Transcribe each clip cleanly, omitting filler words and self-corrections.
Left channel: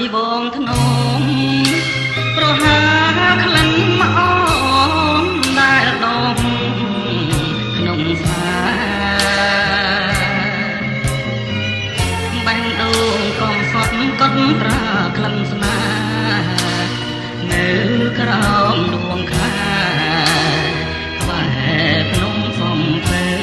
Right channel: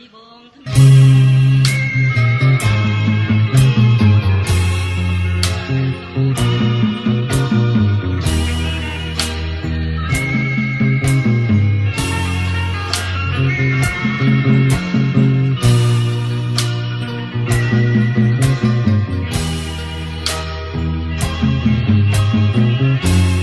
យបងធ្នមប្រហាក្លិនមកអូនដែលដងក្នុងស្មាបាញ់ដូងកងសត់កត់ប្រាក្លិនស្មានៅក្រោមដួងខាបែបក្នុងសំភើ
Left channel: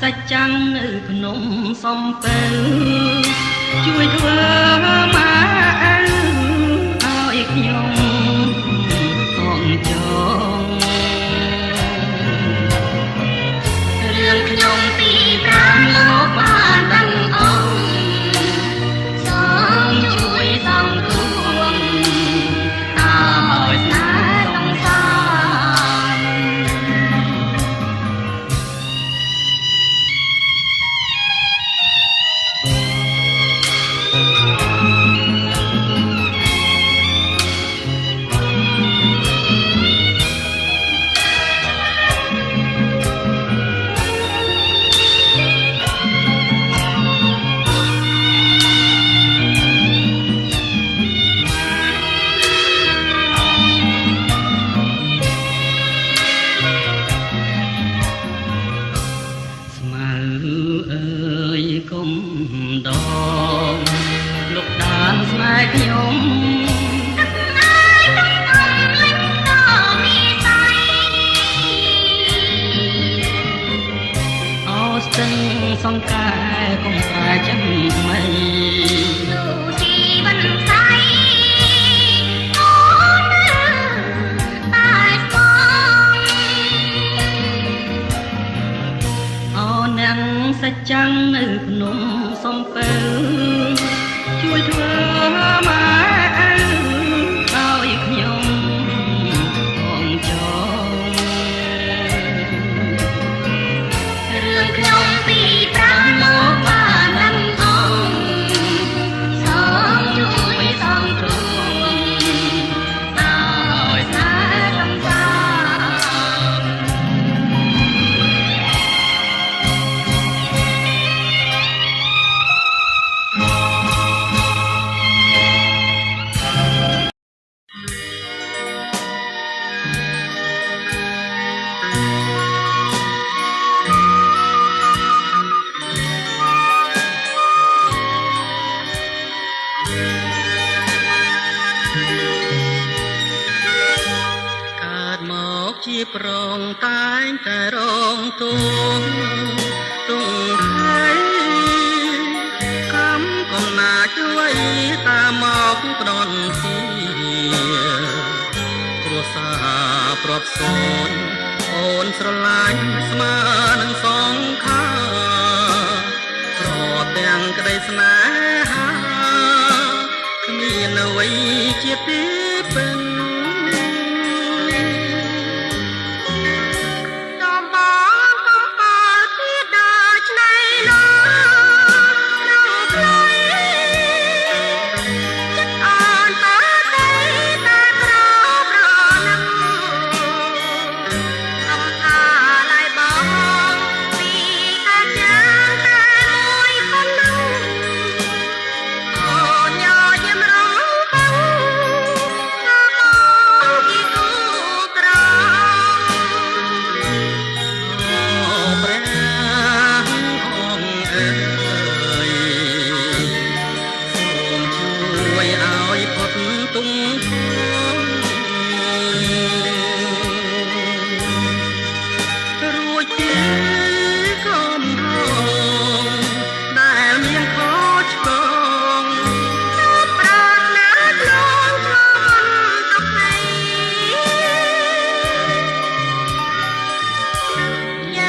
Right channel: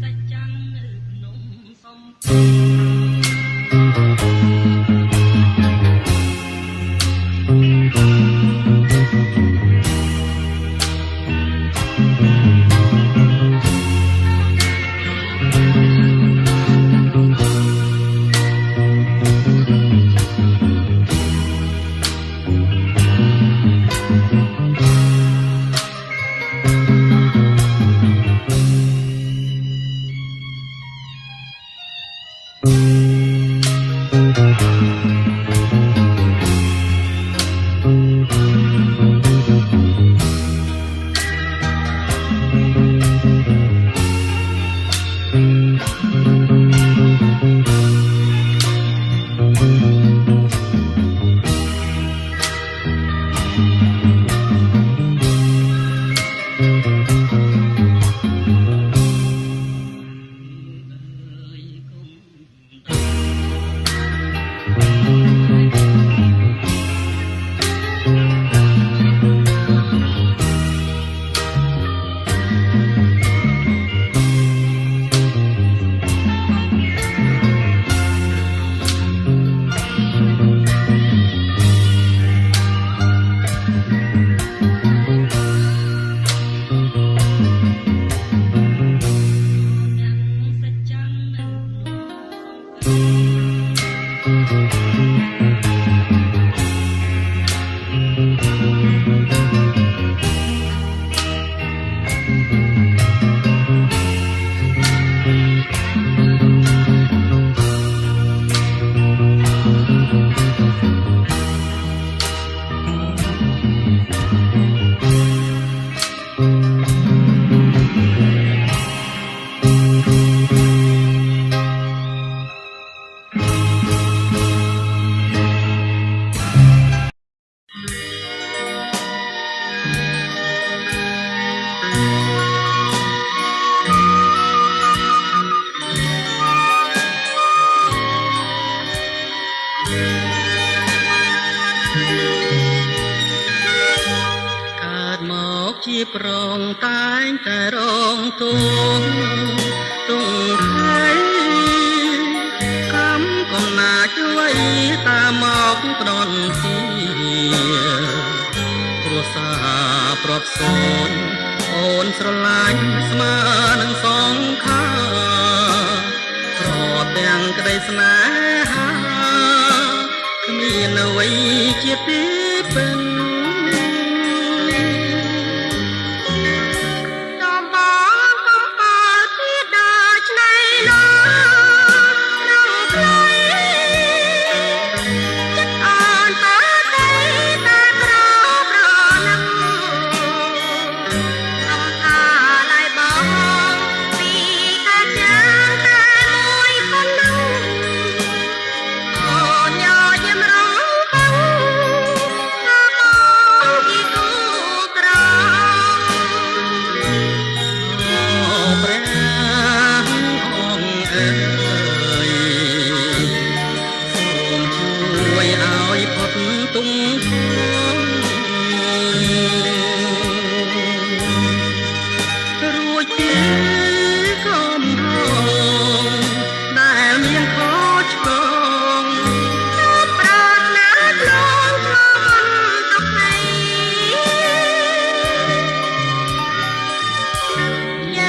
សាច់ចាំងនៅភ្នំសំពៅជួយធ្វើមកឲ្យខ្ញុំផងចងរឿងខ្ញុំពីប្រាំមកបានដឹងអង្គសូមជួយសង្គ្រោះឲ្យស្នេហ៍សង្សារសាច់ចាំងនៅភ្នំសំពៅជួយធ្វើមកឲ្យខ្ញុំផងចងរឿងខ្ញុំពីប្រាំមកបានដឹងអង្គសូមជួយសង្គ្រោះឲ្យស្នេហ៍សង្សារជាប្រងតែងតែរងទុំទុំថៃកំកំណាជួយតាមមកផ្ដន់ទីគ្រួសារប្រាប់សូនអូនស្រឡាញ់ស្មើនឹងសងខាព្រោះទាំងក្តីស្នេហាគ្មានអ្វីជាទីពេញ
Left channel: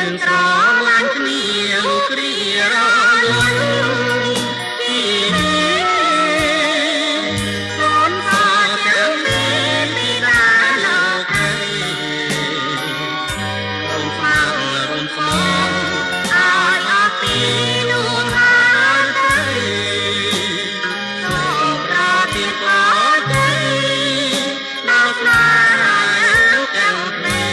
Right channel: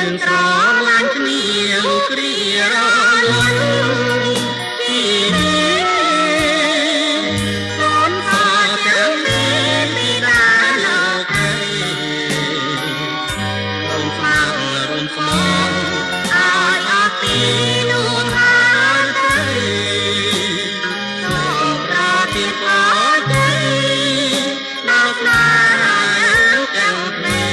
យើងស្រឡាញ់គ្នាលោកគ្រារលន់ពីសូនខទាំងនេះពីដាលោកឯងរួមស្មាររួមស្មងឲ្យអស់ពីនួនហើយទៅសូមប្រទានពរជ័យដល់ស្នេហាទាំងពីរ